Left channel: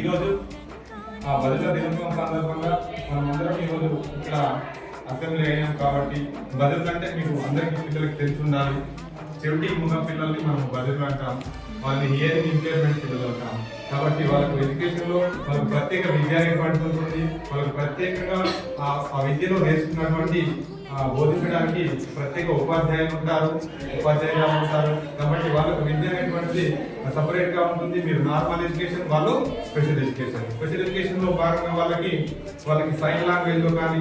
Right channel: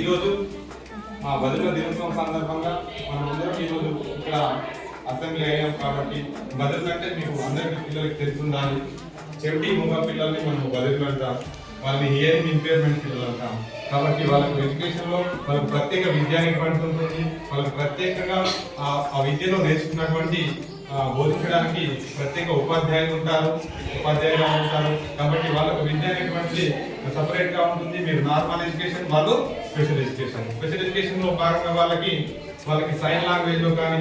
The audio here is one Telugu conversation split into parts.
ఈరోజు బదుల దినోత్సవం సందర్భంగా మనమందరం ఈరోజు ఇక్కడ అసెంబ్లీ అయ్యాం కాబట్టి బదులు అంటే మీకు అందరికీ పిల్లలకి తెలుసుండాలి. చెవిటి మూగ పిల్లల్ని మనం బదులు అంటాం, వాళ్ళని హియరింగ్ ఇంపైర్మెంట్ పిల్లలు అంటాం. కాబట్టి వాళ్ళకు ఎడ్యుకేషన్లో వాళ్ళకి ప్రత్యేక విద్య అనేటువంటి ఉంటుంది. వాళ్ళకి ప్రత్యేకంగా ఆ విద్యను నేర్చుకున్నటువంటి బోధించడానికి ప్రత్యేక ఉపాధ్యాయులు ఉంటారు, ఉపాధ్యాయులు ఉంటారు. కాబట్టి వాళ్ళకు విద్య అనేటువంటిది సపరేట్ గా ఉంటుంది. మీరు నార్మల్ ఎడ్యుకేషన్, వాళ్ళు స్పెషల్ ఎడ్యుకేషన్. స్పెషల్ ఎడ్యుకేషన్ లో భాగంగా వాళ్ళకి సైన్ లాంగ్వేజ్ లో కానీ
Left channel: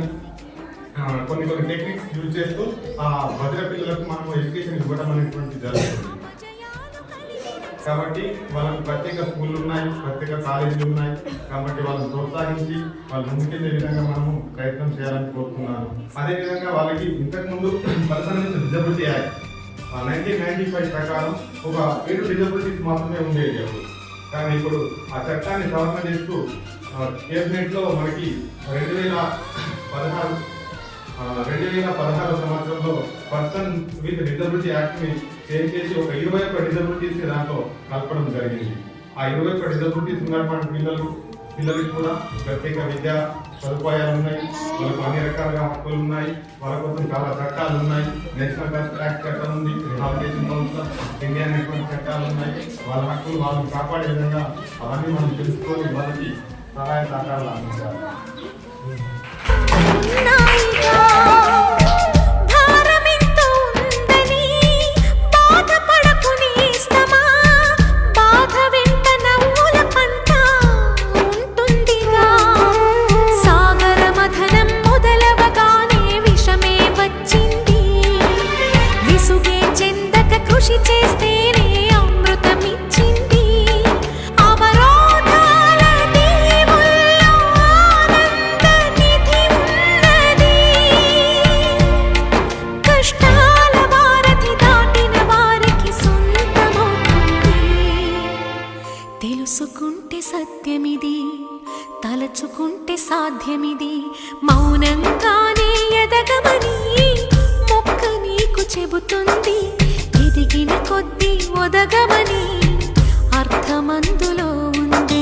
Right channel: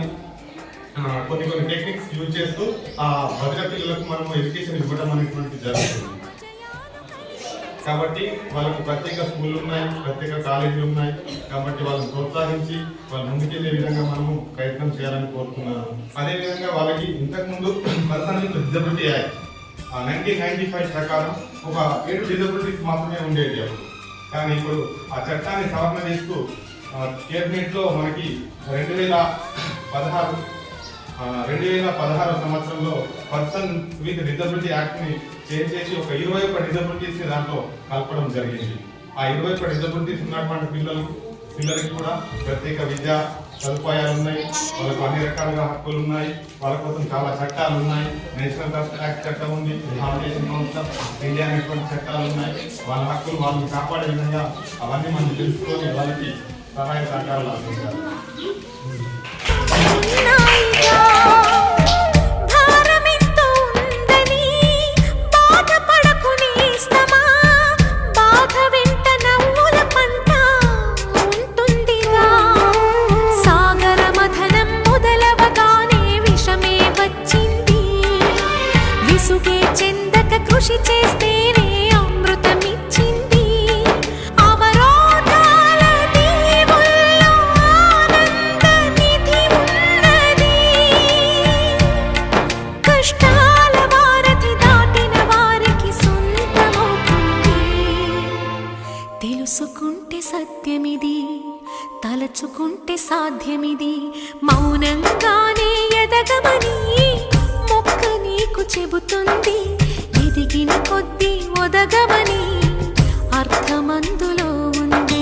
కొన్ని టెక్నిక్స్ యూజ్ చేస్తూ ఆ భద్ర పిల్లలకు మనం ఎడ్యుకేషన్ ఇవ్వడం అనేటువంటి జరుగుతుంది. కాబట్టి వాళ్ళకు ప్రత్యేక స్కూళ్ళు ఉన్నాయి, ప్రత్యేక కాలేజీలు ఉన్నాయి. కాబట్టి వాళ్ళని ప్రోత్సహించి వాళ్ళు ముందుకెళ్లే విధంగా మనము ప్రయత్నం చేయాలని కోరుతున్నాను. అదేవిధంగా వాళ్ళకి ఇంతకుముందు పర్సనల్ విత్ డిజబిలిటీ యాక్ట్ 1995 ప్రకారం ఒక 7 డిజబిలిటీస్ మాత్రమే ఉండేది అప్పుడు. కానీ ఇప్పుడు ఆ చట్టాన్ని సవరణ చేస్తూ కేబినెట్ లో మనకి 2016 సంవత్సరంలో పర్సన్ విత్ డిజబిలిటీ యాక్ట్ ని చేంజ్ చేసి ఒక 21 డిజబిలిటీస్ దాంట్లో కలపడం జరిగింది. ఆ 21 డిజబిలిటీస్ ఉన్నటువంటి పిల్లలకి కూడా ప్రత్యేక విద్యా సదుపాయాలు ఉన్నాయి, వాళ్ళకు అన్ని రకాలుగా హక్కులు ఉన్నాయి, వాళ్ళ కోసం చాలా చట్టాలు ఉన్నాయి. నేషనల్ ఫస్ట్ యాక్ట్ చట్టం ఉంది, ఫౌండేషన్ కౌన్సిల్ ఇండియా అనేటువంటి చట్టాలు ఉన్నాయి. వాళ్ళ హక్కులు వాళ్ళని కాపాడే విధంగా అవన్నీ మనం తెలుసుకొని వాళ్ళకి సహాయ సహకారాలు అందించాలి. విసుగే చెందక కృషి చేస్తేనే అమృతమిచ్చింది. అవరోధాల దీవుల్లో ఆనంద నిధి ఉన్నది. కష్టాల వారధి దాటిన వారికి సొంతమవుతుంది. తెలుసుకుంటే సత్యమిది, తలచుకుంటే సాధ్యమిది. మౌనంగానే ఎదగమని మొక్క నీకు చెబుతుంది. ఎదిగిన కొద్దీ ఒదగమని అర్థమందులో ఉంది.